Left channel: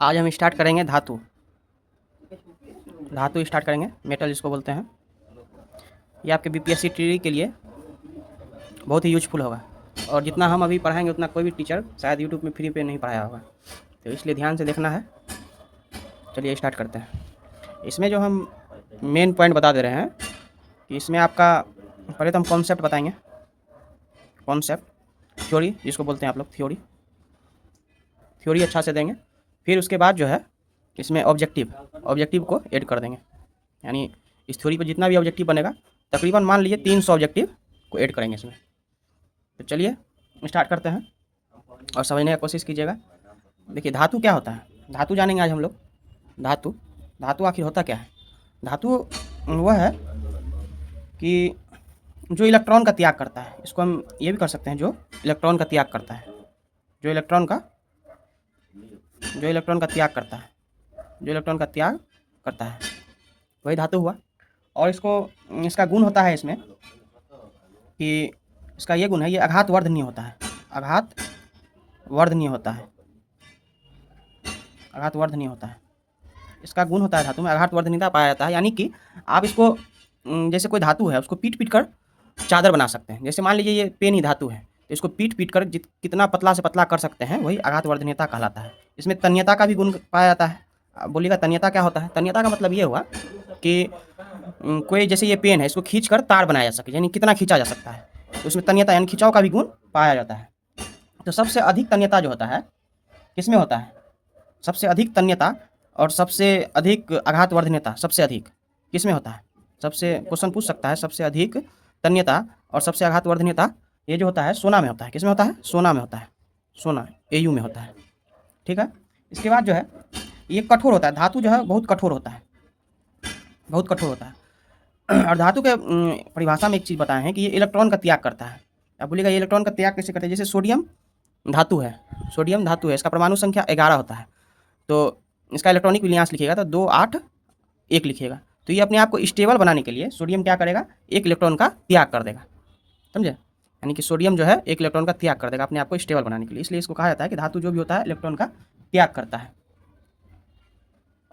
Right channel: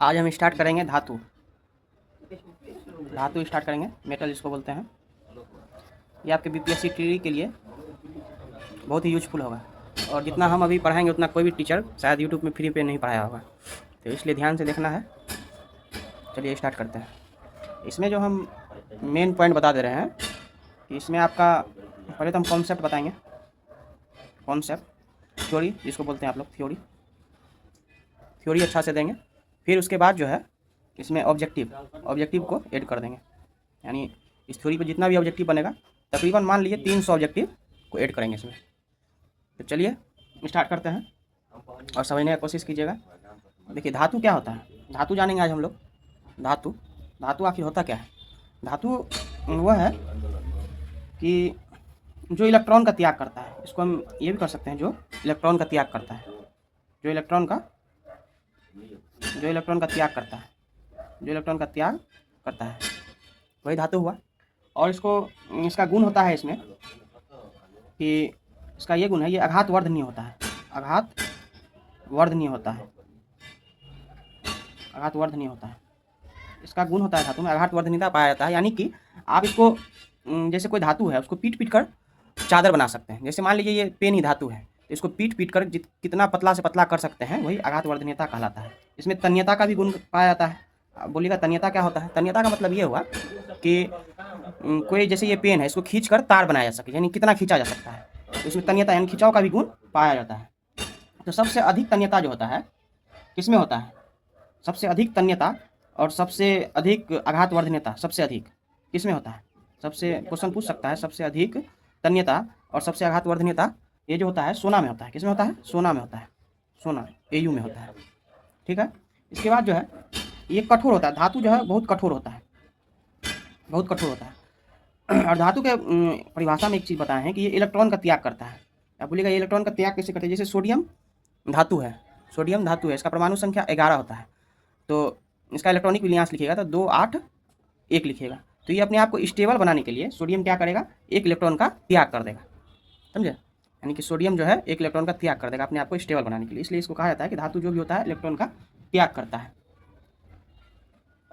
आज हम स्टार्ट करेंगे धातु। धातु स्टार्ट करेंगे, मेटल जिसको बोलते हैं। ये आपके बीपीएससी ट्री के लिए बहुत ही यूजफुल होगा, और जितना हम अभी पढ़ाएंगे उतना कोई भी टीचर शायद यूट्यूब में फ्री पे नहीं पढ़ाया होगा, तो इसलिए ध्यान से देखना है। चलिए स्टार्ट करते हैं। इसमें जो हम मेन पॉइंट बता दे रहे हैं कि इसमें आपका पहले तो हम कॉन्सेप्ट बताएंगे। कॉन्सेप्ट, थ्योरी जिसको बोलते हैं आप लोग, थ्योरी अच्छा से देंगे। फिर उसके बाद जो है इसमें ऑब्जेक्टिव को ऐड कर देंगे। यानी इस थ्योरी पर जितना भी ऑब्जेक्टिव बनेगा, तकरीबन मान लीजिए 300 ऑब्जेक्टिव को ऐड करेंगे इसमें। तो चलिए स्टार्ट करते हैं और समझने की कोशिश कीजिएगा। देखिए धातु क्या होता है, धातु जानेंगे आज हम लोग। धातु आखिर होता क्या है? धातु वह है कि जो इलेक्ट्रॉन का त्याग करता है। इसको हम ये भी कर सकते हैं, जो इलेक्ट्रॉन का त्याग करता है, जो इलेक्ट्रॉन का त्याग करता है, जो इलेक्ट्रॉन का त्याग करता है, वही धातु हुआ। और इसका गुण होता है इसमें कि इसका ये गुण है, ये आघात वर्धनीय होता है। आघात वर्धनीय होता है, आघात वर्धनीय होता है। इसका गुण होता है धातु में आघात वर्धनीयता पाया जाता है। यानी कि आप इसको जैसे कोई धातु है उसको पीट कर चादर बना सकते हैं। जैसे मान लीजिए ये पेन ही धातु है, तो इसको पीट कर कितना पतला से पतला कर सकते हैं, वही आघात वर्धनीयता कहलाता है। इसमें तन्यता का भी गुण पाया जाता है। आप बोलिएगा तन्यता क्या होता है? तन्यता का मतलब ये हुआ कि कोई जैसे ये पेन है, इसको खींच कर तार बनाया जा सके, यानी कितना खींचा जा सकता है, तो उसमें तन्यता यानी खिंचाव का भी गुण पाया जाता है। तो सबसे अधिक तन्यता जो होता है किसमें होता है? सबसे अधिक तन्यता और सबसे अधिक आघात वर्धनीयता सबसे अधिक किसमें होता है? सबसे क्वेश्चन पूछ सकता है, सबसे अधिक तन्यता और सबसे आघात वर्धनीयता ये जो होता है सोना में होता है। किसमें होता है? सोना में होता है, सोना एयू में होता है। ठीक है। इसके बाद जो है ये कठोर होता है। धातु जो है बहुत कठोर होता है, बहुत कठोर होता है। और धातु के परिभाषा में एक चीज़ बताए हैं कि ये इलेक्ट्रॉन का त्याग करता है। आप बोलिएगा ये इलेक्ट्रॉन का त्याग कैसे करता है? जैसे सोडियम धातु है, सोडियम धातु है, इसका परमाणु संख्या 11 होता है, तो इसका इलेक्ट्रॉनिक विन्यास लिखिएगा तो 2 8 1 लिखिएगा। तो ये अपने आप को स्टेबल बनाने के लिए सोडियम क्या करेगा? एक इलेक्ट्रॉन का त्याग कर देगा, समझे? यानी कि सोडियम जो है एक इलेक्ट्रॉन का त्याग कर देगा अपने आप को स्टेबल बनाने के लिए। इसलिए इसको कहा जाता है कि धातु जो भी होता है इलेक्ट्रॉन का त्याग करता है।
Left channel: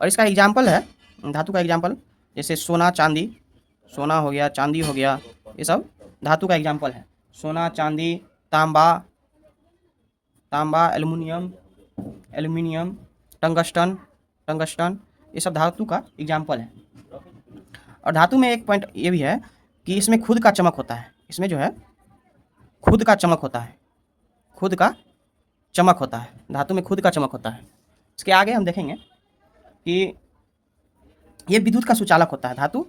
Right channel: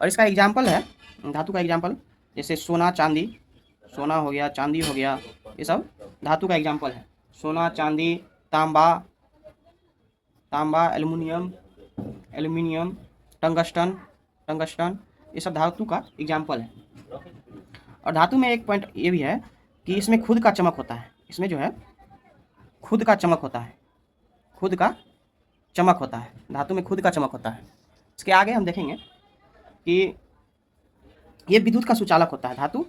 और इसका एग्जाम्पल है, धातु का एग्जाम्पल जैसे सोना चांदी, सोना हो गया, चांदी हो गया, ये सब धातु का एग्जाम्पल है। सोना, चांदी, तांबा, एल्युमिनियम, टंगस्टन, ये सब धातु का एग्जाम्पल है। और धातु में एक पॉइंट ये भी है कि इसमें खुद का चमक होता है। इसमें जो है खुद का चमक होता है, खुद का चमक होता है, धातु में खुद का चमक होता है। इसके आगे हम देखेंगे कि ये विद्युत का सुचालक होता है। धातु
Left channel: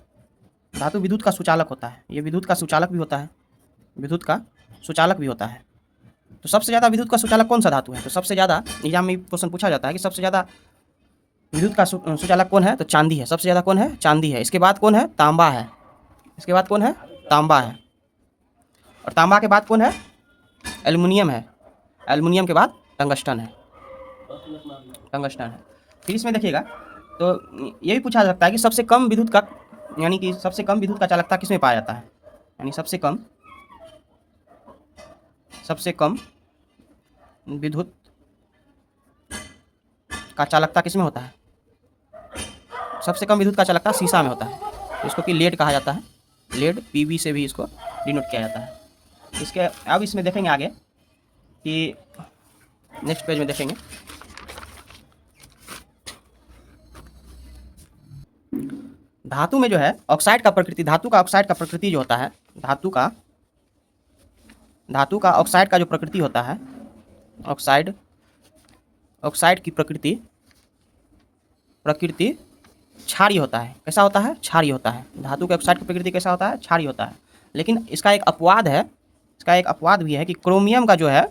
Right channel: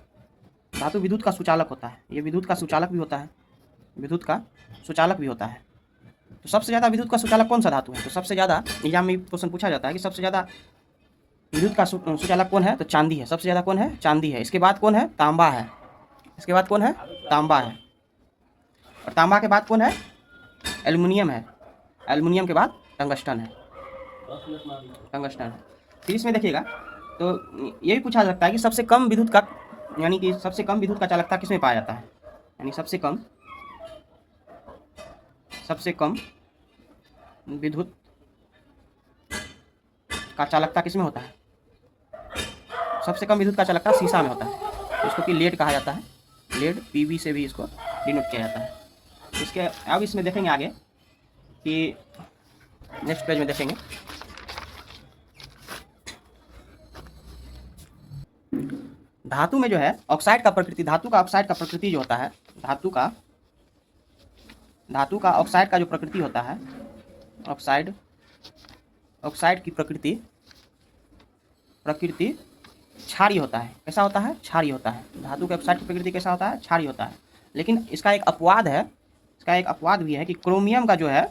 विद्युत का सुचालक होता है। ये विद्युत का सुचालक भी होता है, विद्युत का सुचालक भी होता है। तो सबसे ज़्यादा विद्युत का सुचालक कौन सा धातु है? तो सबसे ज़्यादा एग्जाम में क्वेश्चन पूछा जाता है कि सबसे ज़्यादा विद्युत का सुचालक कौन है? तो चांदी है। सबसे ज़्यादा कौन है? चांदी है। इसके बाद कौन है? तांबा है। इसके बाद कौन है? तांबा है। और तांबा के बाद कौन है? एल्युमिनियम है। एल्युमिनियम के बाद टंगस्टन है, टंगस्टन है। फिर इसमें देखिएगा तो ये भी पूछा जा सकता है कि सबसे कम विद्युत का, यानी कि सबसे कम विद्युत का चालकता किसमें पाया जाता है? यानी सबसे कम विद्युत का चालकता किसमें होता है? सबसे कम विद्युत का चालकता सीसा में होता है, तो इसको कि लेड कहा जाता है। लेड, पीवी से भी इसको डिनोट किया जाता है। इसके अब इसमें देखेंगे आगे कि नेक्स्ट पेज में देखेंगे धातु में जो है ऑक्साइड का प्रकृति, धातु का ऑक्साइड का प्रकृति जो होता है, धातु का ऑक्साइड का जो प्रकृति होता है, ऑक्साइड की प्रकृति क्षारीय होता है। कैसा होता है? क्षारीय होता है। धातु के ऑक्साइड की प्रकृति कैसा होता है? क्षारीय होता है। लेकिन इसका एक अपवाद है, इसका एक अपवाद भी है कि क्रोमियम का जो है,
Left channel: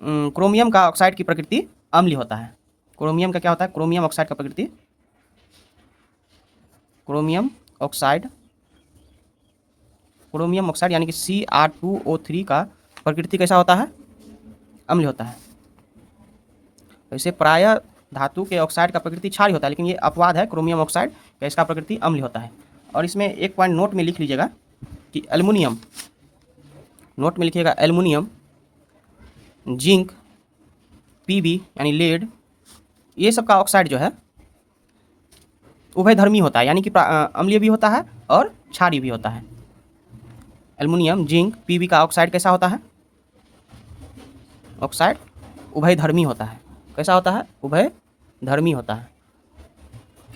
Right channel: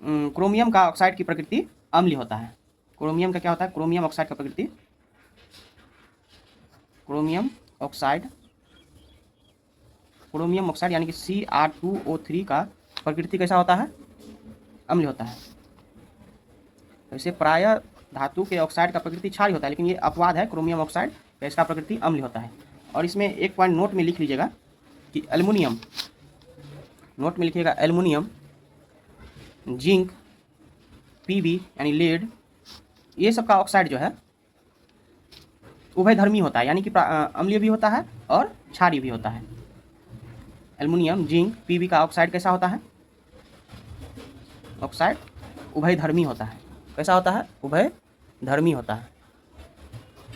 क्रोमियम का ऑक्साइड की प्रकृति अम्लीय होता है। क्रोमियम का क्या होता है? क्रोमियम ऑक्साइड का प्रकृति, क्रोमियम ऑक्साइड यानी कि Cr2O3 का प्रकृति कैसा होता है? अम्लीय होता है। तो इसे प्रायः धातु के ऑक्साइड का प्रकृति क्षारीय होता है, लेकिन ये अपवाद है क्रोमियम ऑक्साइड का, इसका प्रकृति अम्लीय होता है। और इसमें एक पॉइंट नोट में लिख लीजिएगा कि एल्युमिनियम, नोट में लिखिएगा एल्युमिनियम, जिंक, पीबी यानी लेड, ये सब का ऑक्साइड जो है उभयधर्मी होता है, यानी कि अम्लीय भी होता है और क्षारीय भी होता है। एल्युमिनियम, जिंक, पीबी का ऑक्साइड कैसा होता है? ऑक्साइड उभयधर्मी होता है। कैसा होता है? उभयधर्मी होता है।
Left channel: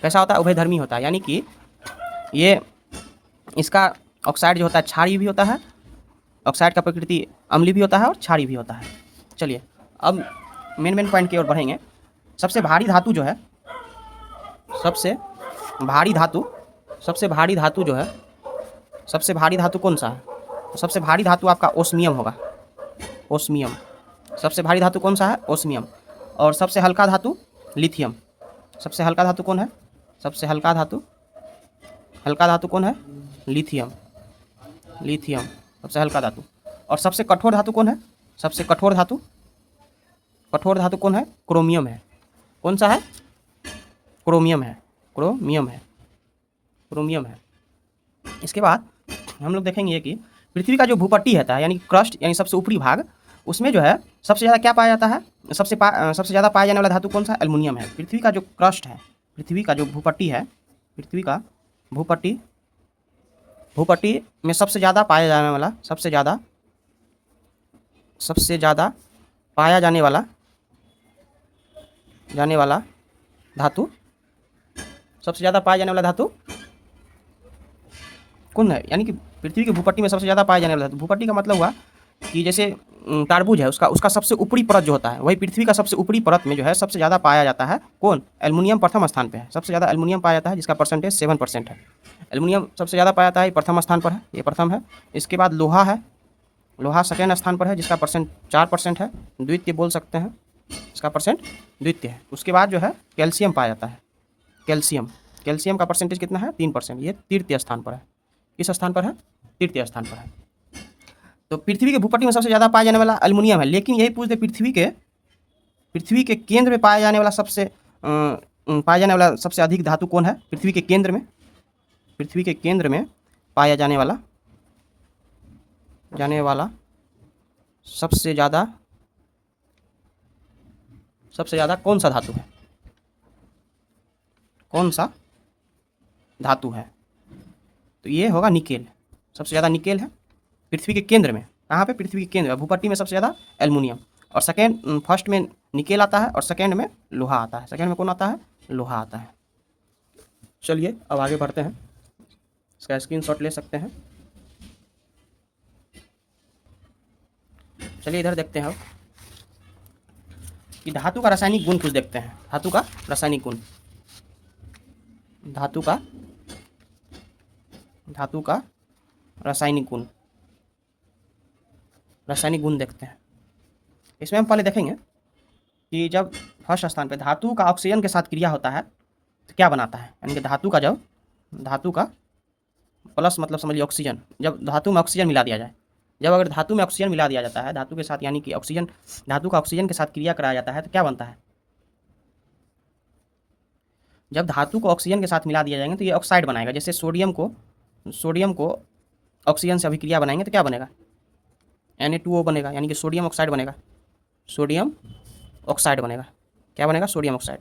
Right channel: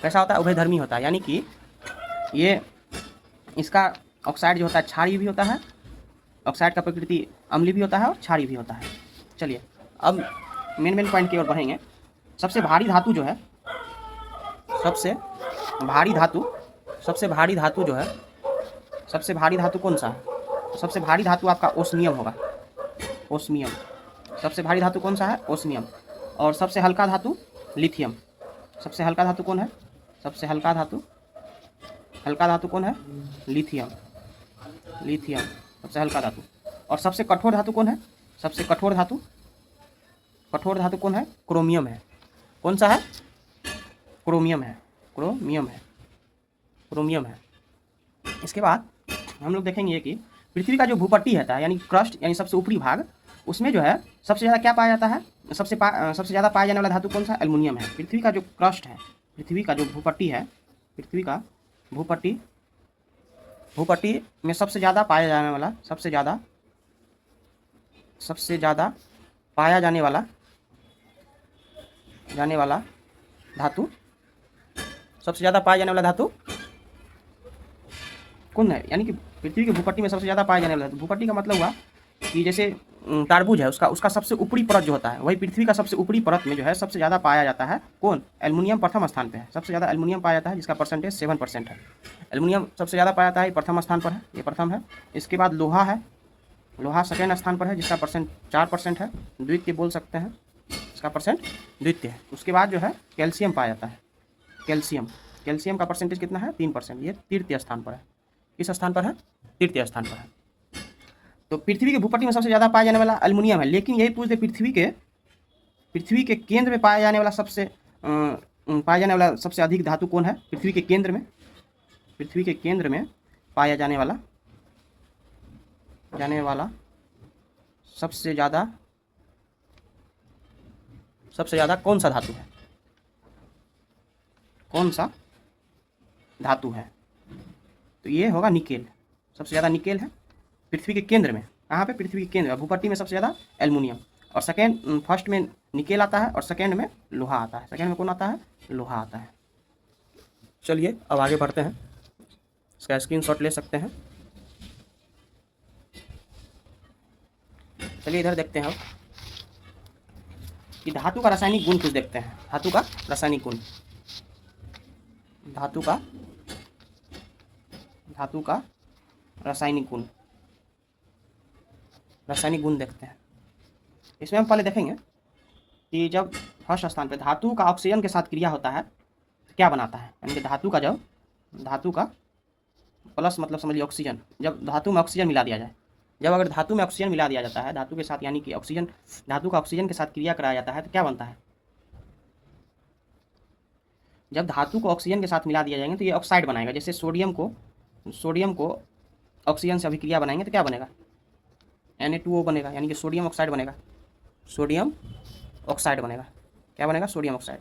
कैसा होता है? उभयधर्मी होता है, यानी कि ये इसका ऑक्साइड जो होता है क्षारीय भी होता है, ऑक्साइड का प्रकृति अम्लीय भी होता है और क्षारीय भी होता है। चलिए अब मेन पॉइंट की ओर बढ़ेंगे। सबसे भारी धातु जो है, सबसे भारी धातु जो है, सबसे भारी धातु कौन सा है? सबसे भारी धातु आपका ओस्मियम होगा। ओस्मियम सबसे भारी धातु कौन सा है? ओस्मियम। और सबसे हल्का धातु लिथियम। सबसे हल्का धातु कौन है? सबसे हल्का धातु कौन है? लिथियम। लिथियम सबसे हल्का धातु। और सबसे कठोर धातु कौन है? सबसे कठोर धातु कौन है? क्रोमियम है। कौन सा है? क्रोमियम है। क्रोमियम है। इसके बाद हम लोग देखेंगे कि पृथ्वी का जो भूपट्टी रहता है, यानी क्रस्ट, यानी सबसे ऊपरी भाग, उसमें जो है सबसे ज़्यादा क्या पाया जाता है? सबसे ज़्यादा पाया जाने वाला धातु कौन सा? एल्युमिनियम है। पृथ्वी का जो क्रस्ट है, पृथ्वी का जो भूपट्टी है, पृथ्वी का भूपट्टी में सबसे ज़्यादा पाया जाने वाला, सबसे ज़्यादा पाया जाने वाला धातु, सबसे ज़्यादा पाया जाने वाला धातु कौन है? यानी कि पृथ्वी की भूपट्टी में सबसे ज़्यादा पाया जाने वाला धातु, भूपट्टी का मतलब हुआ कि जैसे तारबूज है, उसका सबसे ऊपरी परत जो होता है, वही पृथ्वी का सबसे ऊपरी परत में जो है सबसे ज़्यादा पाया जाता है। कौन? एल्युमिनियम प्रथम स्थान पे है। सबसे ज़्यादा एल्युमिनियम पाया जाता है, जिसका परसेंटेज 7% है। एल्युमिनियम सबसे ज़्यादा पाया जाता है, ये प्रथम स्थान पर है, ये प्रथम है। इसके बाद लोहा है, लोहा सेकेंड स्थान पर है, जिसका परसेंट 4% है, द्वितीय बोल सकते हैं, इसका परसेंट द्वितीय है। उसके बाद जो है कैल्शियम पाया जाता है। कैल्शियम का परसेंटेज कितना है? 3%, ये तृतीय स्थान पर है। किस स्थान पर है? तृतीय स्थान पर है। तो पृथ्वी के भूपट्टी में सबसे ज़्यादा पाया जाने वाला एल्युमिनियम है, लेकिन यही पूछते पृथ्वी के केंद्र में पाया जाने वाला सबसे अधिक धातु कौन है? पृथ्वी के केंद्र में पाया जाने वाला सबसे ज़्यादा कौन सा धातु है? कौन सा धातु है? तो ये होगा निकेल। सबसे ज़्यादा निकेल है पृथ्वी के केंद्र में। कहाँ पे? पृथ्वी के केंद्र में। भूपट्टी में सबसे ज़्यादा एल्युमिनियम, और फर्स्ट में निकेल आता है, और सेकेंड में लोहा आता है। सेकेंड में कौन आता है? लोहा आता है। चलिए अब आगे बढ़ते हैं, इसका स्क्रीनशॉट ले सकते हैं। चलिए इधर देखते हैं कि धातु का रासायनिक गुण कुछ देखते हैं। धातु का रासायनिक गुण, धातु का रासायनिक गुण देखते हैं। इसमें हम पहले देखेंगे कि जब फर्स्ट स्थान पे धातु का ऑक्सीजन के साथ क्रिया होता है तो क्या बनाता है, यानी कि धातु का प्लस मतलब समझिए ऑक्सीजन, जब धातु में ऑक्सीजन मिला दिया जाए, जब अगर धातु में ऑक्सीजन मिला दिया जाता है धातु के साथ, यानी कि धातु का ऑक्सीजन के साथ क्रिया कराया जाता है तो क्या बनता है? जब धातु को ऑक्सीजन के साथ मिला दिया जाएंगे तो ये ऑक्साइड बनाएगा। जैसे सोडियम को ऑक्सीजन से अभिक्रिया बनाएंगे तो क्या बनेगा? Na2O बनेगा, यानी कि सोडियम ऑक्साइड बनेगा। सोडियम ऑक्साइड बनेगा। क्या बनेगा? Sodium oxide.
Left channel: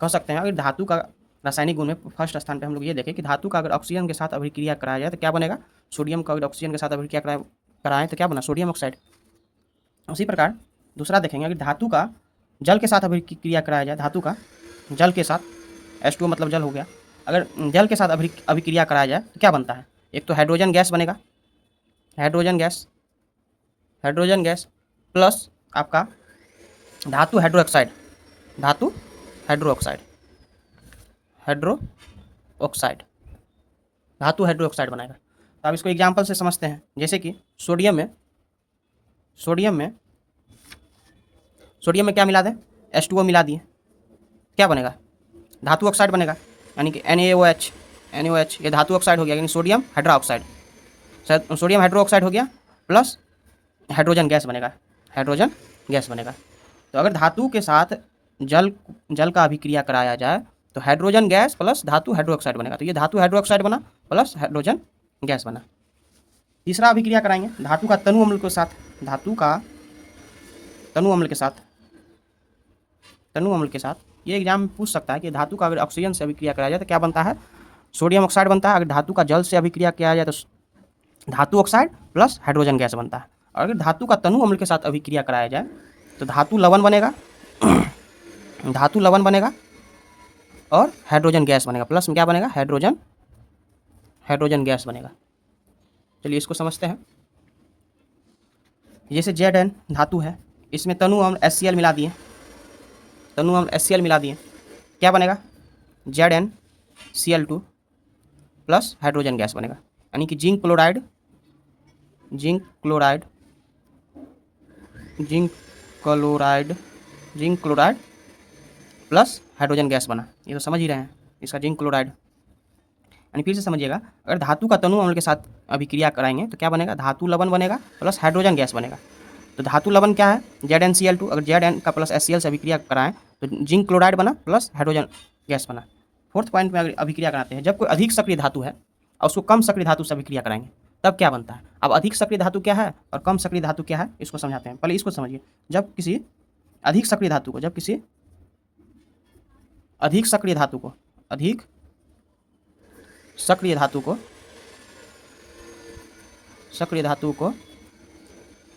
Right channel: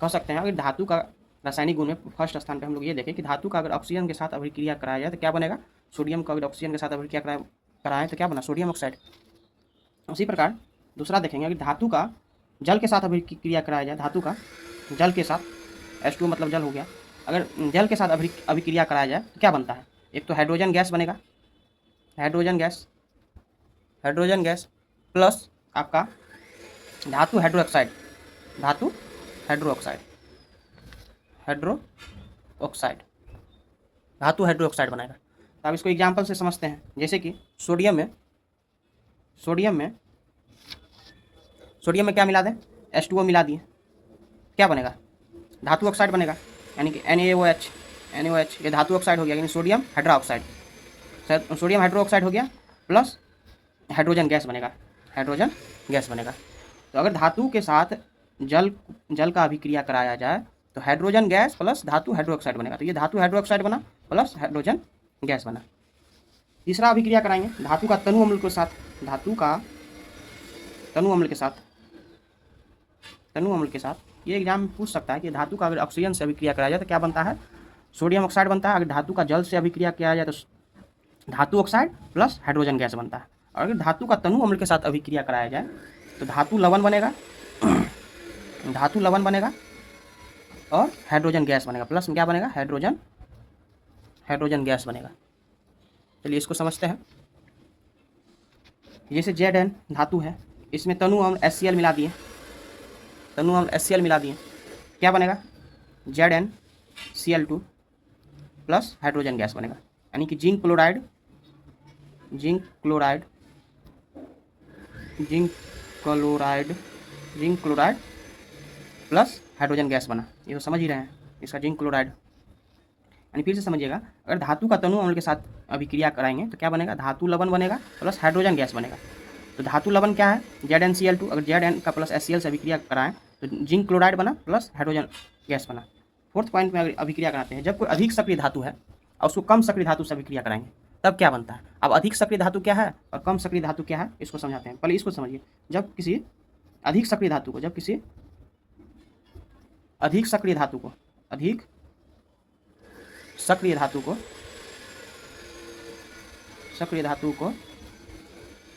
कह सकते हैं अगर धातु का रासायनिक गुण में फर्स्ट स्थान पे हम लोग ये देखें कि धातु का अगर ऑक्सीजन के साथ अभिक्रिया कराया जाए तो क्या बनेगा? सोडियम का अगर ऑक्सीजन के साथ अभिक्रिया कराएं तो क्या बना? Sodium oxide. उसी प्रकार दूसरा देखेंगे, अगर धातु का जल के साथ अभिक्रिया कराया जाए, धातु का जल के साथ, H2O मतलब जल हो गया, अगर जल के साथ अभिक्रिया कराया जाए तो क्या बनता है? एक तो हाइड्रोजन गैस बनेगा, हाइड्रोजन गैस प्लस आपका धातु हाइड्रोक्साइड बनाएगा। तो आप इसको एग्जाम्पल से समझते हैं, जैसे कि सोडियम में क्या मिला दें? H2O मिला दिए, क्या बनेगा? धातु ऑक्साइड बनेगा, यानी कि NaOH, ये धातु ऑक्साइड हो गया, यानी सोडियम हाइड्रोक्साइड हो गया, प्लस हाइड्रोजन गैस बनेगा। तो अगर धातु के साथ जल का अभिक्रिया कराया जाए तो हाइड्रोजन गैस प्लस धातु हाइड्रोक्साइड बनेगा। तो ये धातु हाइड्रोक्साइड बना प्लस हाइड्रोजन गैस बना। तीसरा अभिक्रिया कराएंगे धातु का तनु अम्ल के साथ, ये एग्जाम में पूछ सकता है कि धातु का अगर ऑक्सीजन से अभिक्रिया कराया जाए तो क्या बनता है, सोडियम ऑक्साइड बनता है। अगर धातु का जल से अभिक्रिया किया जाए तो धातु ऑक्साइड प्लस हाइड्रोजन गैस बनता है। और अगर धातु का तनु अम्ल के साथ अभिक्रिया कराया जाए तो धातु लवण बनेगा धातु लवण बनेगा और हाइड्रोजन गैस बनेगा, प्लस में क्या बनेगा, हाइड्रोजन गैस बनेगा। चलिए इसको समझते हैं। जैसे Zn धातु है, इसमें तनु अम्ल HCl मिला दिए, क्या बनेगा, ZnCl2 प्लस हाइड्रोजन गैस बनेगा। यानी कि zinc chloride plus hydrogen gas बना। ये तो समझ ही रहे हैं, इसका जिंक क्लोराइड। यानी फिर से समझिएगा, अगर धातु का तनु अम्ल के साथ अभिक्रिया कराएंगे तो क्या बनेगा, धातु लवण बनेगा प्लस हाइड्रोजन गैस बनेगा। तो धातु लवण क्या है, ZnCl2। अगर Zn का प्लस HCl से अभिक्रिया कराएं तो जिंक क्लोराइड बना प्लस हाइड्रोजन गैस बना। फोर्थ पॉइंट में अगर अभिक्रिया कराते हैं, जब कोई अधिक सक्रिय धातु है और उसको कम सक्रिय धातु से अभिक्रिया कराएंगे तब क्या बनता है। अब अधिक सक्रिय धातु क्या है और कम सक्रिय धातु क्या है, इसको समझाते हैं। पहले इसको समझिए, जब किसी अधिक सक्रिय धातु को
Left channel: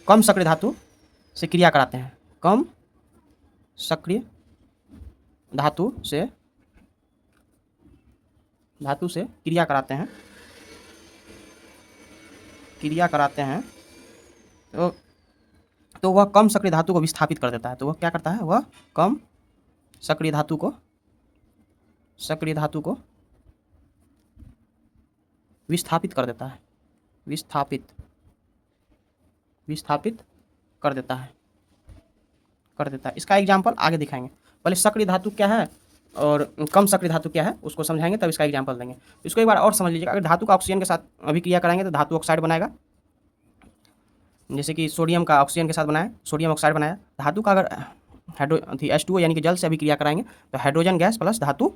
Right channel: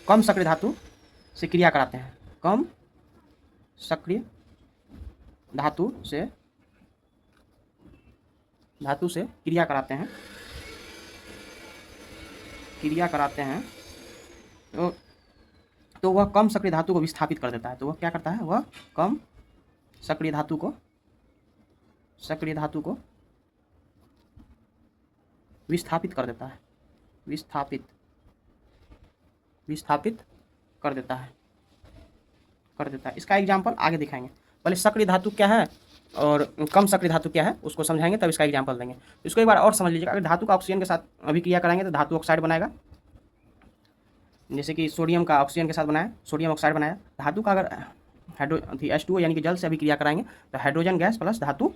कम सक्रिय धातु से क्रिया कराते हैं, कम सक्रिय धातु से क्रिया कराते हैं तो वह कम सक्रिय धातु को विस्थापित कर देता है। तो वह क्या करता है, वह कम सक्रिय धातु को विस्थापित कर देता है, विस्थापित कर देता है। इसका एग्जाम्पल आगे दिखाएंगे। पहले सक्रिय धातु क्या है और कम सक्रिय धातु क्या है उसको समझाएंगे, तब इसका एग्जाम्पल देंगे। इसको एक बार और समझ लीजिएगा। अगर धातु का ऑक्सीजन के साथ अभिक्रिया कराएंगे तो धातु ऑक्साइड बनाएगा, जैसे कि सोडियम का ऑक्सीजन के साथ बनाया, सोडियम ऑक्साइड बनाया। धातु का अगर H2O यानी कि जल से अभिक्रिया कराएंगे तो हाइड्रोजन गैस प्लस धातु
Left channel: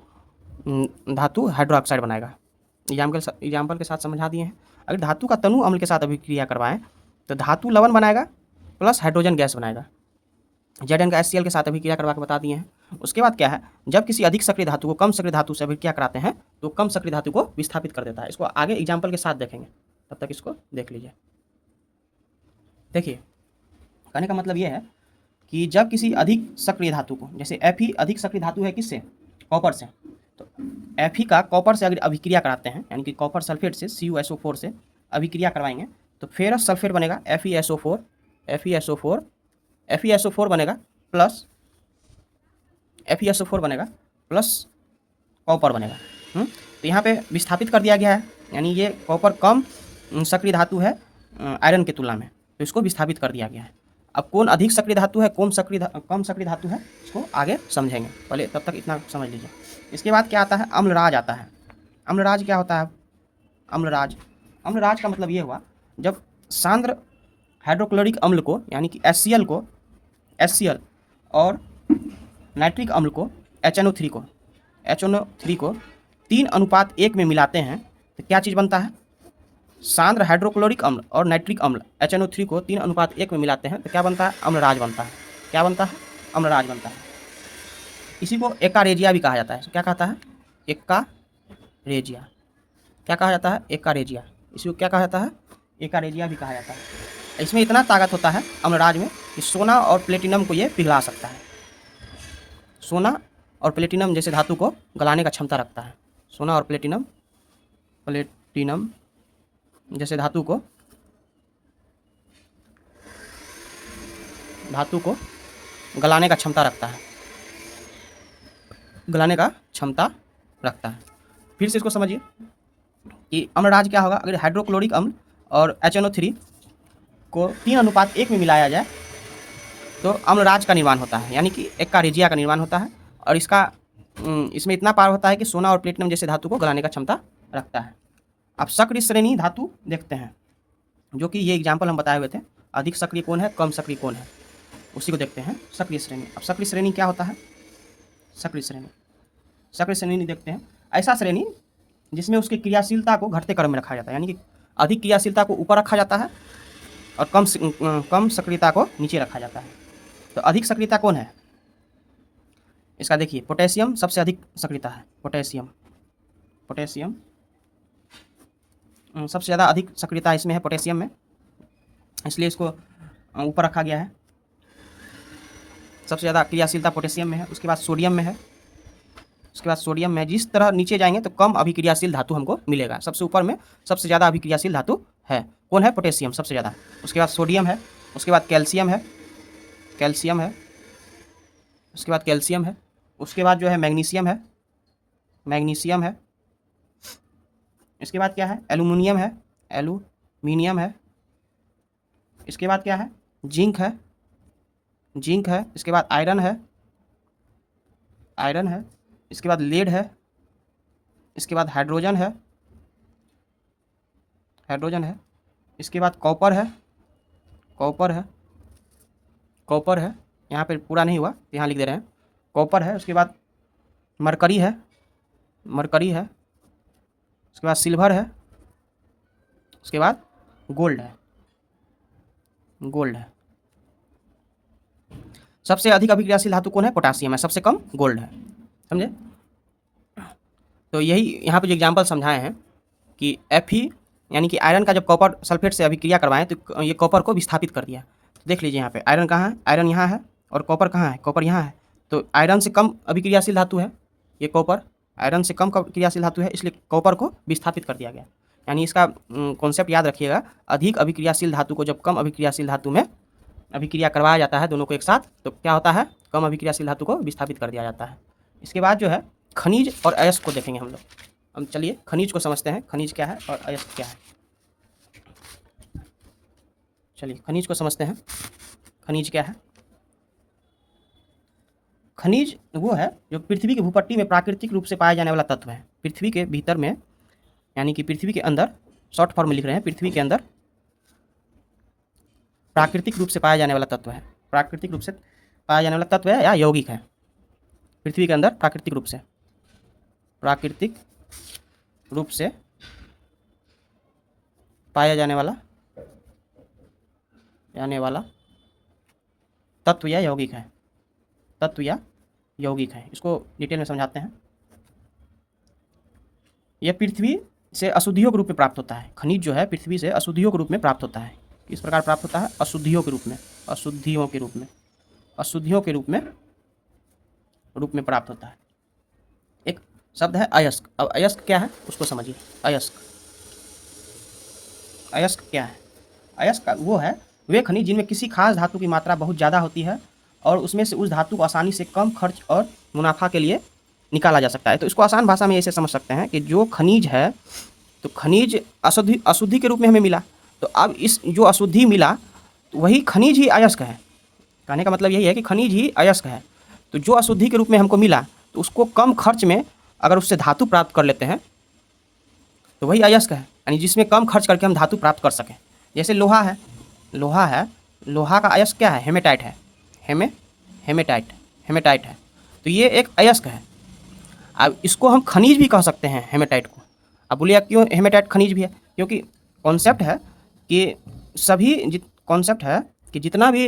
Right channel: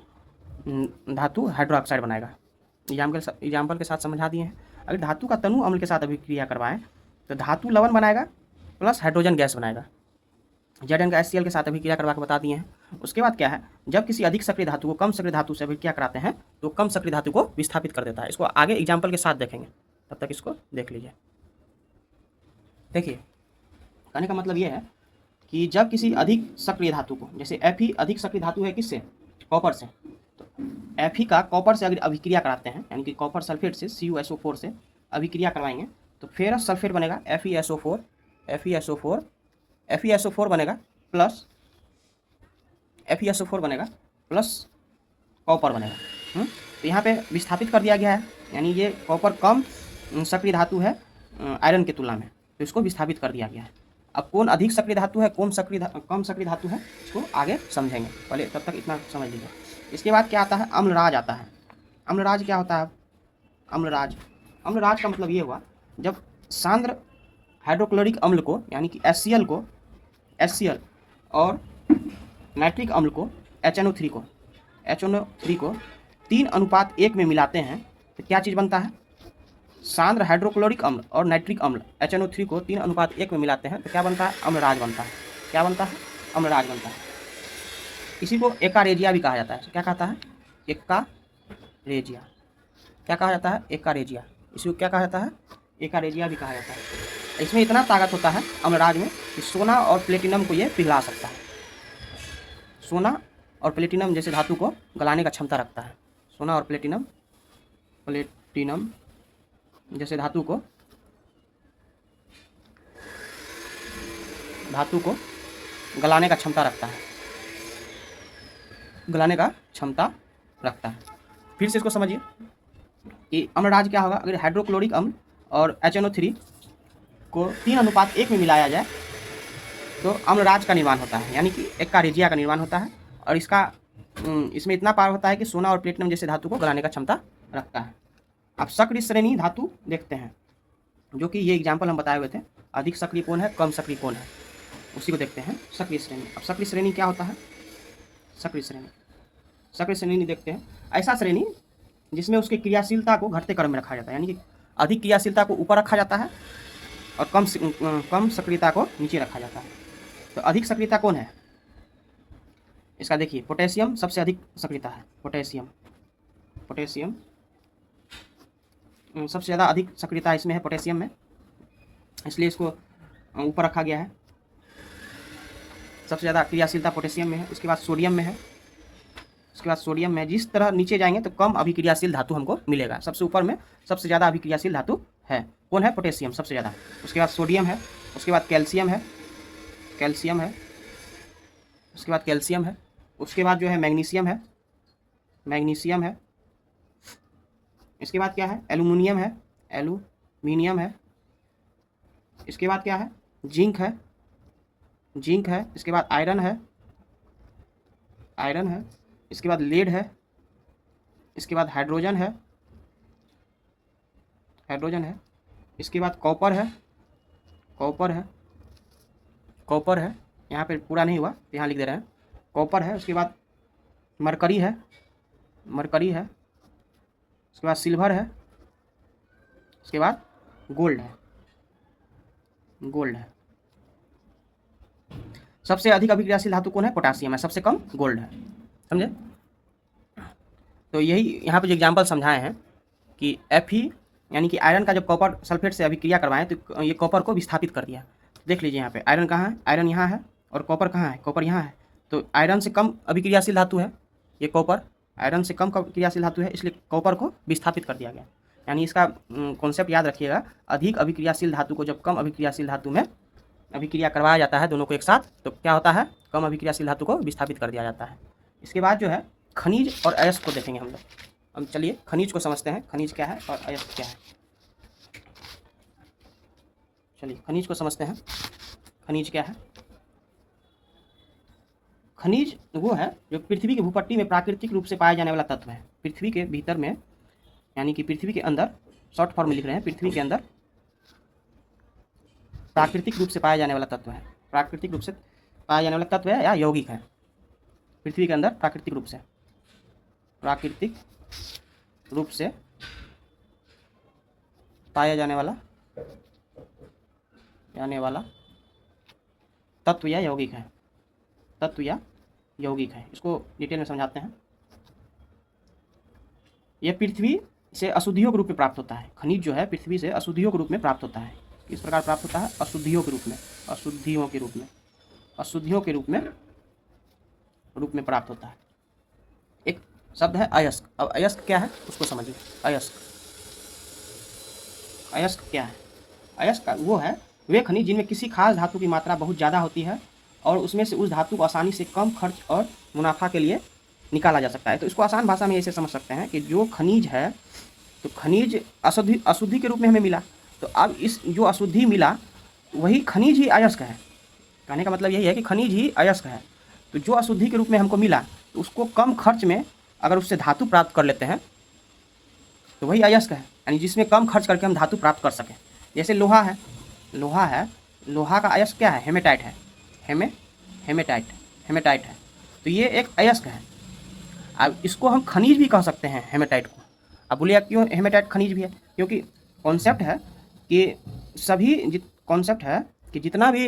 हाइड्रोक्साइड बनाएगा। एग्जाम्पल के साथ समझा दिए हैं। अगर धातु का तनु अम्ल के साथ अभिक्रिया करवाएं तो धातु लवण बनाएगा प्लस हाइड्रोजन गैस बनाएगा। Zn का HCl के साथ अभिक्रिया करवा के बता दिए हैं। उसके बाद क्या है, जब किसी अधिक सक्रिय धातु को कम सक्रिय धातु से अभिक्रिया कराते हैं तो कम सक्रिय धातु को विस्थापित कर देता है। इसको आगे एग्जाम्पल के साथ देखेंगे, तब तक इसको देख लीजिए। देखिए, कहने का मतलब ये है कि जब किसी अधिक सक्रिय धातु को, जैसे Fe अधिक सक्रिय धातु है किससे, कॉपर से, तो Fe का कॉपर से अगर अभिक्रिया कराते हैं, यानी कि कॉपर सल्फेट से CuSO4 से अभिक्रिया करवाएंगे तो फेरस सल्फेट बनेगा FeSO4 बनेगा प्लस कॉपर बनेगा। तो यहाँ पे विस्थापित कर दिया गया है, यानी ये कॉपर कम सक्रिय धातु है आयरन की तुलना में, तो इसको विस्थापित कर दिया गया है। अब कौन अधिक सक्रिय धातु है, कम सक्रिय धातु है, इसको आगे समझेंगे। पहले तब तक इतना समझ लीजिए। इसके बाद क्या आता है, अम्लराज आता है। अम्लराज क्या होता है, अम्लराज का मतलब ये हुआ, जब सांद्र हाइड्रोक्लोरिक अम्ल को, यानी कि HCl और नाइट्रिक अम्ल को HNO3 को 3:1 में मिलाते हैं तो क्या चीज़ बनता है, सांद्र हाइड्रोक्लोरिक अम्ल और नाइट्रिक अम्ल HNO3 को 3:1 में मिलाते हैं तो क्या बनता है, अम्लराज बनता है। क्या बनता है, अम्लराज बनता है। इसी को एकारेजिया भी कहा जाता है। क्या कहता है, एकारेजिया। क्या कहा जाता है, एकारेजिया। इसको क्या कहा जाता है, एकारेजिया भी कहा जाता है। इसमें इतना ताकत होता है अम्लराज में कि सोना और प्लेटिनम को ये पिघला सकता है। सोना और प्लेटिनम जैसे धातु को गलाने का क्षमता रखता है। सोना और प्लेटिनम जैसे धातु को गलाने का क्षमता रखता है। फिर से इसको समझिए कि अम्लराज क्या होगा, अगर हाइड्रोक्लोरिक अम्ल और HNO3 को 3:1 में मिलाया जाए तो अम्लराज का निर्माण होता है, यानी कि एकारेजिया का निर्माण होता है। और इसमें इतना पावर होता है कि सोना और प्लेटिनम जैसे धातु को गलाने का क्षमता रखता है। अब सक्रिय श्रेणी धातु देखते हैं, जो कि ये एग्जाम्पल हम बताए हुए थे। अधिक सक्रिय कौन है, कम सक्रिय कौन है, उसी को देखते हैं, सक्रिय श्रेणी। अब सक्रिय श्रेणी क्या होता है, सक्रिय श्रेणी देखते हैं, ऐसा श्रेणी जिसमें उसकी क्रियाशीलता को घटते क्रम में रखा जाता है, यानी कि अधिक क्रियाशीलता को ऊपर रखा जाता है और कम सक्रियता को नीचे रखा जाता है। तो अधिक सक्रियता कौन है, इसका देखिए पोटेशियम सबसे अधिक सक्रियता है, पोटेशियम सबसे ज़्यादा अधिक सक्रियता इसमें है, पोटेशियम में, इसलिए इसको ऊपर रखा गया है। सबसे ज़्यादा क्रियाशीलता पोटेशियम में है। उसके बाद सोडियम में है, जिस तरह नीचे जाएंगे तो कम अभिक्रियाशील धातु हमको मिलेगा। सबसे ऊपर में सबसे ज़्यादा अभिक्रियाशील धातु है, कौन है? पोटेशियम सबसे ज़्यादा। उसके बाद सोडियम है, उसके बाद कैल्शियम है, उसके बाद कैल्शियम है, उसके बाद जो है मैग्नीशियम है, इसके बाद क्या है? एल्यूमिनियम है, इसके बाद क्या है? जिंक है, इसके बाद आयरन है, इसके बाद लेड है, इसके बाद हाइड्रोजन है, इसके बाद कॉपर है, यहाँ पे पूरा नहीं हुआ, यहाँ लिख दे रहे हैं, कॉपर है। उसके बाद मरकरी है, उसके बाद सिल्वर है, उसके बाद गोल्ड है। सबसे अधिक अभिक्रियाशील धातु कौन है? पोटासियम है, सबसे कम गोल्ड है, समझे? तो यही यहाँ पे जो एग्जाम्पल समझाए हैं कि Fe यानी कि आयरन का जब कॉपर सल्फेट से अभिक्रिया करवाएं तो ये कॉपर को विस्थापित कर दिया। देख लीजिए यहाँ पे आयरन कहाँ है? आयरन यहाँ है, और कॉपर कहाँ है? कॉपर यहाँ है। तो आयरन से कम अभिक्रियाशील धातु है ये कॉपर, आयरन से कम क्रियाशील धातु है, इसलिए कॉपर को विस्थापित कर दिया गया। यानी इसका कॉन्सेप्ट याद रखिएगा, अधिक अभिक्रियाशील धातु को जब कम अभिक्रियाशील धातु में अभिक्रिया करवाया जाता है दोनों को एक साथ, तो क्या होता है? कम अभिक्रियाशील धातु को विस्थापित कर दिया जाता है। इसके बाद जो है खनिज और अयस्क को देखेंगे हम लोग। हम चलिए खनिज को समझते हैं, खनिज क्या है और अयस्क क्या है। चलिए खनिज को समझते हैं, खनिज क्या है? खनिज वो है जो पृथ्वी की भूपट्टी में प्राकृतिक रूप से पाया जाने वाला तत्व है। पृथ्वी के भीतर में, यानी कि पृथ्वी के अंदर, शॉर्ट फॉर्म में लिख रहे हैं, पृथ्वी के अंदर प्राकृतिक रूप से पाया जाने वाला तत्व है। प्राकृतिक रूप से पाया जाने वाला तत्व है या यौगिक है? पृथ्वी के अंदर प्राकृतिक रूप से पाया जाने वाला तत्व या यौगिक है। इसको डिटेल में समझाते हैं। यह पृथ्वी से अशुद्धियों के रूप में प्राप्त होता है। खनिज जो है पृथ्वी से अशुद्धियों के रूप में प्राप्त होता है। किस प्रकार प्राप्त होता है? अशुद्धियों के रूप में प्राप्त होता है। एक शब्द है अयस्क। अब अयस्क क्या है उसको समझिए। अयस्क क्या है? अयस्क वो है वे खनिज जिनमें किसी खास धातु की मात्रा बहुत ज़्यादा होती है और उसमें से उस धातु को आसानी से कम खर्च और मुनाफा के लिए निकाला जा सकता है। तो इसको आसान भाषा में ऐसे समझ सकते हैं कि जो खनिज है, तो खनिज अशुद्धि के रूप में हमें मिला, तो अब इस जो अशुद्धि मिला वही खनिज ही अयस्क है। कहने का मतलब यही है कि खनिज ही अयस्क है। तो जो अशुद्धि के रूप में हमको मिला, तो उसको कम खर्च में अगर उससे धातु प्राप्त कर लेते हैं तो वही अयस्क है, यानी जिसमें कम खर्च करके हम धातु प्राप्त कर सकें। जैसे लोहा है, लोहा का अयस्क क्या है? हेमेटाइट है। हेमेटाइट है। तो ये एक अयस्क है। अब इसको हम खनिज भी कह सकते हैं, हेमेटाइट को। अब बोलिए क्यों हेमेटाइट खनिज भी है? क्योंकि कॉन्सेप्ट है कि जितना भी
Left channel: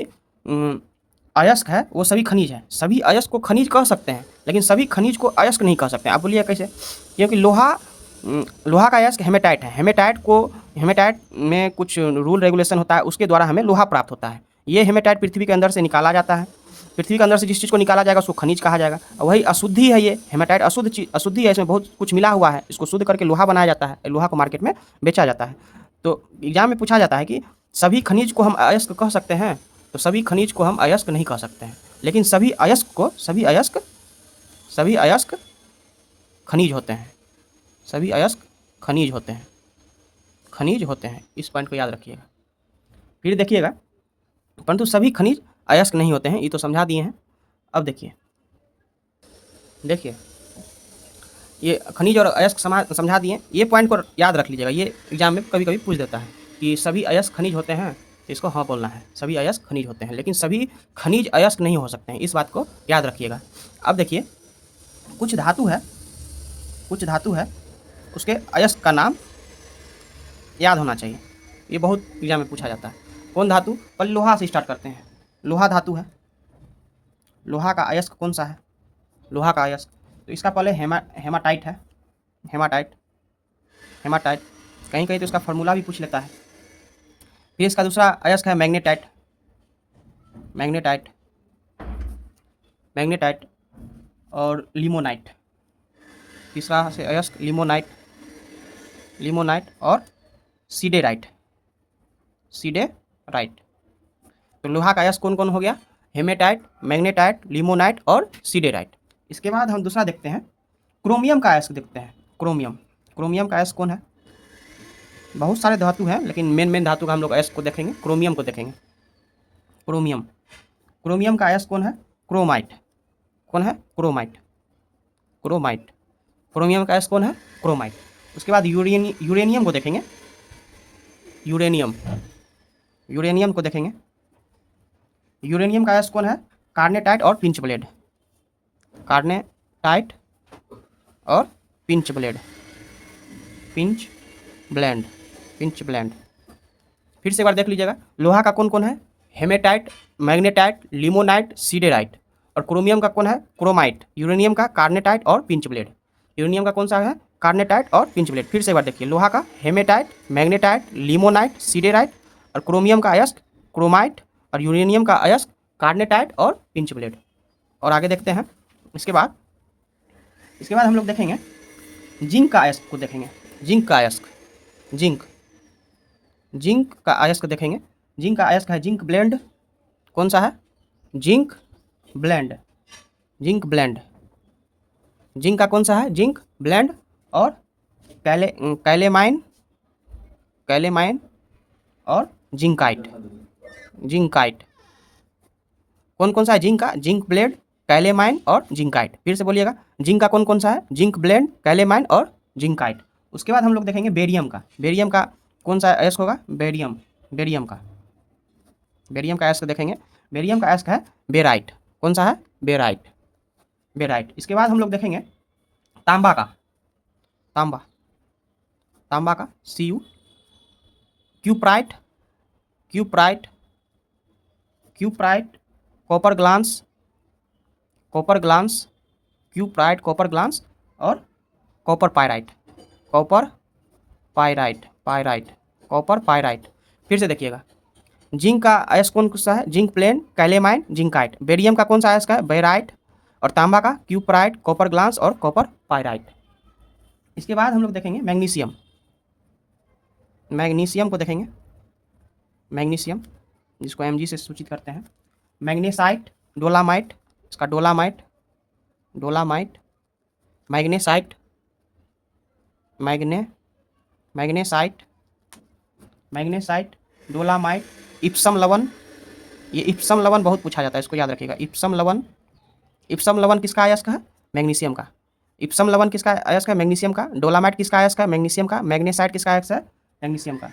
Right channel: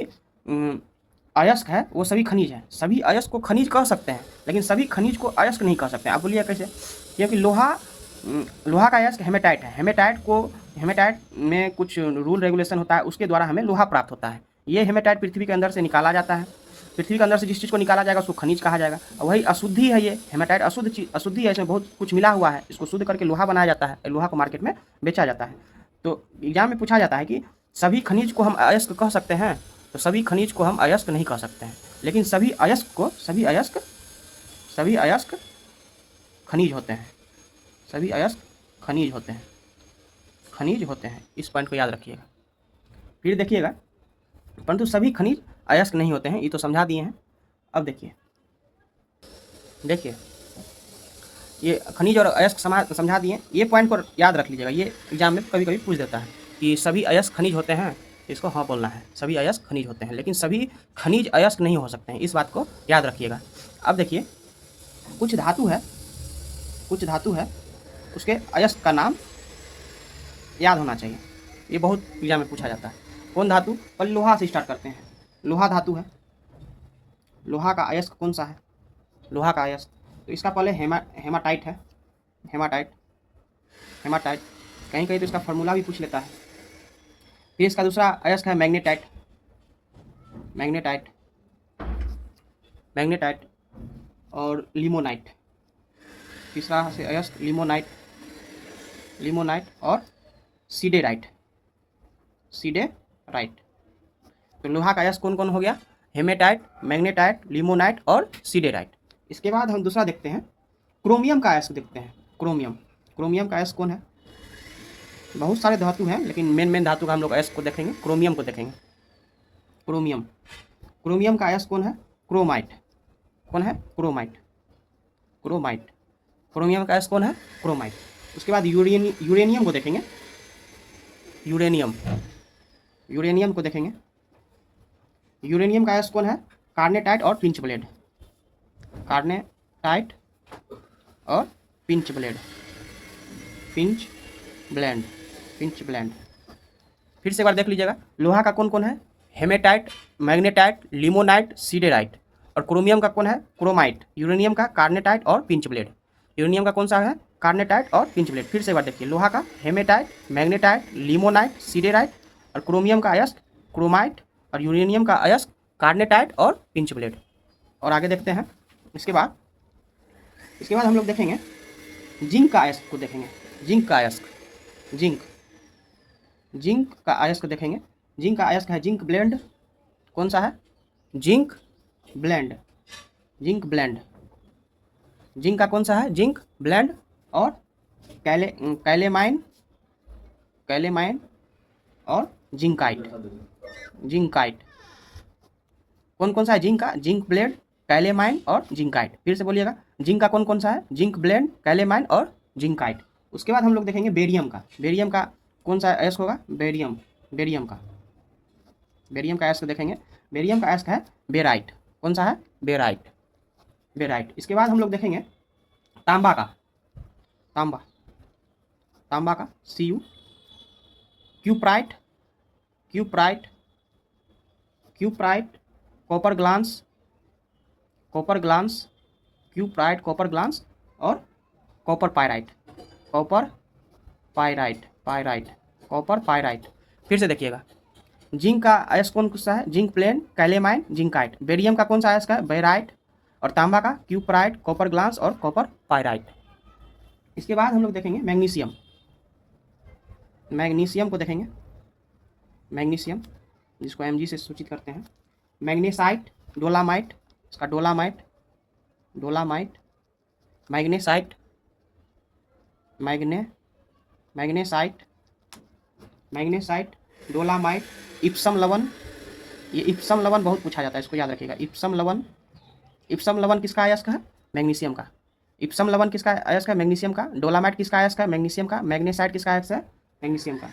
अयस्क है वो सभी खनिज है। सभी अयस्क को खनिज कह सकते हैं, लेकिन सभी खनिज को अयस्क नहीं कह सकते। आप बोलिए कैसे? क्योंकि लोहा का अयस्क हेमेटाइट है। हेमेटाइट में कुछ रूल रेगुलेशन होता है, उसके द्वारा हमें लोहा प्राप्त होता है। ये हेमेटाइट पृथ्वी के अंदर से निकाला जाता है। पृथ्वी के अंदर से जिस चीज़ को निकाला जाएगा उसको खनिज कहा जाएगा। और वही अशुद्धि है, ये हेमेटाइट अशुद्धि है, इसमें बहुत कुछ मिला हुआ है। इसको शुद्ध करके लोहा बनाया जाता है, लोहा को मार्केट में बेचा जाता है। तो एग्जाम में पूछा जाता है कि सभी खनिज को हम अयस्क कह सकते हैं, तो सभी खनिज को हम अयस्क नहीं कह सकते हैं, लेकिन सभी अयस्क खनिज होते हैं। सभी अयस्क खनिज होते हैं। इस पॉइंट को याद रखिएगा। फिर देखिएगा, परंतु सभी खनिज अयस्क नहीं होते हैं, ये तो समझा दिए हैं। अब देखिए ये खनिज और अयस्क समझा दिए। ये पॉइंट को याद रख लीजिएगा, ये एग्जाम में कभी कभी पूछ देता है कि सभी अयस्क खनिज होते हैं, इसको हाँ बोलना है। सभी अयस्क खनिज होते हैं, लेकिन सभी खनिज अयस्क नहीं हो सकते हैं, इस बात को याद रखिएगा। अब देखिए कुछ धातु है उसके अयस्क का नाम याद होना चाहिए। ये बहुत एग्जाम में पूछा जाता है। कौन धातु? पहले लोहा से स्टार्ट करते हैं। लोहा धातु है। लोहा का अयस्क कौन सा है? लोहा का अयस्क। तो इसका पहले हेमाटाइट है, हेमाटाइट, हेमाटाइट, कहीं कहीं तो इसका फार्मूला भी पूछ लेता है। फिर इसका दूसरा अयस्क है मैग्नेटाइट, मैग्नेटाइट, मैग्नेटाइट और लिमोनाइट। तीसरा से अयस्क लिमोनाइट, लिमोनाइट और सीडेराइट, सीडेराइट। तो लोहा का अयस्क कौन कौन हो गया? हेमेटाइट, मैग्नेटाइट, लिमोनाइट और सीडेराइट। इसके बाद हम दूसरा देखते हैं, क्रोमियम का अयस्क देखते हैं। क्रोमियम, क्रोमियम का अयस्क कौन है? बहुत सारे धातु हैं, लेकिन मेन धातु का हम लोग अयस्क को देखेंगे, क्रोमियम को देखेंगे। क्रोमियम, क्रोमियम का अयस्क कौन है? क्रोमाइट। कौन है? Chromite, chromite. क्रोमियम का अयस्क कौन है? क्रोमाइट। उसके बाद यूरेनियम को देखेंगे, यूरेनियम, यूरेनियम को देखेंगे। यूरेनियम का अयस्क कौन है? कार्नेटाइट और पिंच ब्लेड, कार्नेटाइट और pinch blade, pinch blend, pinch blend. फिर से एक बार देख लीजिएगा, लोहा का कौन कौन है? Hematite, magnetite, limonite, siderite. और क्रोमियम का कौन है? क्रोमाइट। यूरेनियम का कार्नेटाइट और पिंच ब्लेड। यूरेनियम का कौन सा है? कार्नेटाइट और पिंच ब्लेड। फिर से एक बार देखिए, लोहा का हेमेटाइट, मैग्नेटाइट, लिमोनाइट, सीडेराइट। और क्रोमियम का अयस्क क्रोमाइट। और यूरेनियम का अयस्क कार्नेटाइट और पिंच ब्लेड। और आगे देखते हैं। इसके बाद हम लोग देखेंगे जिंक का अयस्क को देखेंगे, जिंक का अयस्क, जिंक, जिंक का अयस्क देखेंगे। जिंक का अयस्क है जिंक ब्लेंड। कौन सा है? Zinc blende, zinc blende. Zinc का कौन सा है? Zinc blende. और कैलेमाइन, कैलेमाइन और जिंकाइट, जिंकाइट। कौन कौन सा है जिंक का? जिंक ब्लेंड, कैलेमाइन और जिंकाइट। फिर से बोलिएगा, जिंक का कौन कौन सा है? जिंक ब्लेंड, कैलेमाइन और जिंकाइट। उसके बाद हम लोग देखेंगे बेरियम का। बेरियम का कौन सा अयस्क होगा? बेरियम, बेरियम का, बेरियम का अयस्क देखेंगे। बेरियम का अयस्क है बेराइट। कौन सा है? Barite, barite. इसके बाद हम लोग देखेंगे तांबा का, तांबा, तांबा का Cu, cuprite, cuprite, cuprite, copper glance, copper glance, cuprite, copper glance और copper pyrite, copper pyrite, pyrite, copper pyrite. फिर से देखिएगा, जिंक का अयस्क कौन सा है? Zinc blende, calamine, zincite. Barium का कौन सा अयस्क है? बेराइट। और तांबा का क्यूप्राइट, कॉपर ग्लांस और कॉपर पायराइट। इसके बाद हम लोग देखेंगे मैग्नीशियम, मैग्नीशियम को देखेंगे। मैग्नीशियम, जिसको Mg से सूचित करते हैं। मैग्नेसाइट, डोलामाइट, इसका dolomite, dolomite, magnesite, magnesite, magnesite, dolomite, Epson लवण। ये इप्सम लवण बहुत पूछा जाता है, इसको याद रखिएगा। इप्सम लवण, इप्सम लवण किसका अयस्क है? मैग्नीशियम का। इप्सम लवण किसका अयस्क है? मैग्नीशियम का। डोलामाइट किसका अयस्क है? मैग्नीशियम का। मैग्नेसाइट किसका अयस्क है? मैग्नीशियम का।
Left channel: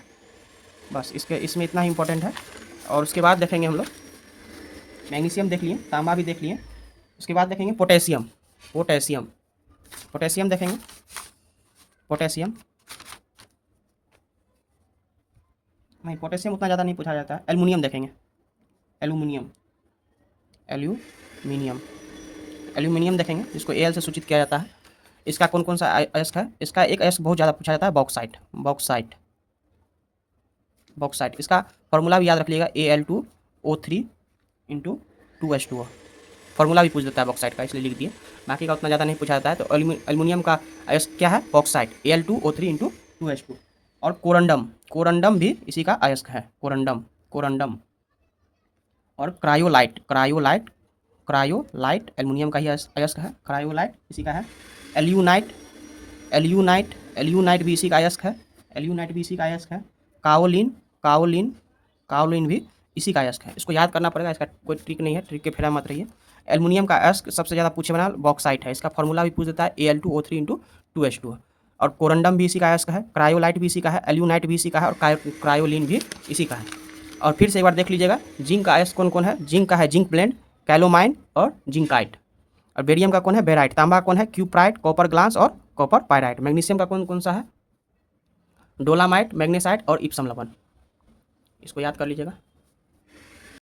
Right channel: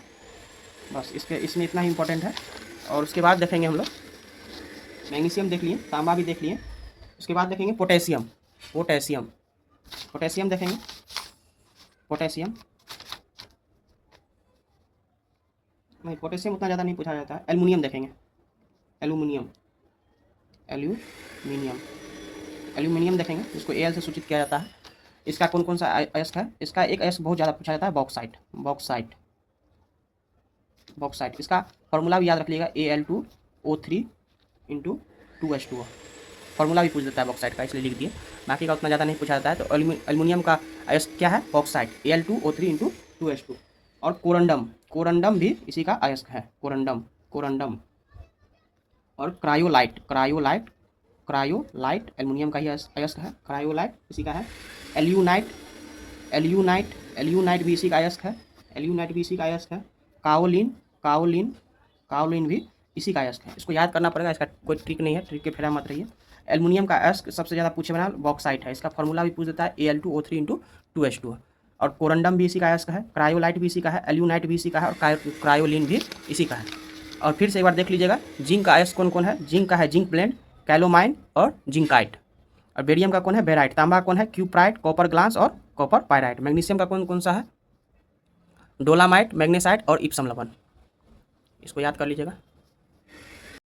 बस इसमें इतना ही इंपॉर्टेंट है। और उसके बाद देखेंगे हम लोग, मैग्नीशियम देख लिए, तांबा भी देख लिए। उसके बाद देखेंगे पोटेशियम, पोटेशियम, पोटेशियम देखेंगे। पोटेशियम नहीं, पोटेशियम उतना ज़्यादा नहीं पूछा जाता है। एल्युमिनियम देखेंगे, एल्युमिनियम, एल्यूमिनियम, एल्यूमिनियम देखेंगे, जिसको Al से सूचित किया जाता है। इसका कौन कौन सा अयस्क है? इसका एक अयस्क बहुत ज़्यादा पूछा जाता है, बॉक्साइट, बॉक्साइट, बॉक्साइट। इसका फॉर्मूला भी याद रख लीजिएगा, Al2O3 × 2H2O। फॉर्मूला भी पूछ देता है बॉक्साइट का, इसलिए लिख दिए। बाकी का उतना ज़्यादा नहीं पूछा जाता है। तो एल्युमिनियम का अयस्क क्या है? Bauxite, Al2O3 × 2H2। और कोरंडम, कोरंडम भी इसी का अयस्क है, कोरंडम, कोरंडम। और क्रायोलाइट, क्रायोलाइट, क्रायोलाइट एल्युमिनियम का ही अयस्क है, क्रायोलाइट इसी का है। एल्यूनाइट, एल्यूनाइट, एल्यूनाइट भी इसी का अयस्क है, एल्यूनाइट भी इसी का अयस्क है। काओलिन, काओलिन, काओलिन भी इसी का अयस्क है। इसको याद करना पड़ेगा, इसका कोई ट्रिक नहीं है, ट्रिक के फेरा मत रहिए। एल्युमिनियम का अयस्क सबसे ज़्यादा पूछे बना बॉक्साइट है, इसका फॉर्मूला भी पूछ देता है, Al2O3 × 2H2। और कोरंडम भी इसी का अयस्क है, क्रायोलाइट भी इसी का है, एल्यूनाइट भी इसी का है और क्रायोलिन भी इसी का है। और फिर से एक बार देख लीजिएगा, जिंक का अयस्क कौन कौन है? जिंक का है जिंक ब्लेंड, कैलोमाइन और जिंकाइट। और बेरियम का कौन है? बेराइट। तांबा कौन है? क्यूप्राइट, कॉपर ग्लांस और कॉपर पायराइट। मैग्नीशियम का कौन कौन सा है? डोलामाइट, मैग्नेसाइट और इप्सम लवण। इसको याद कर लीजिएगा।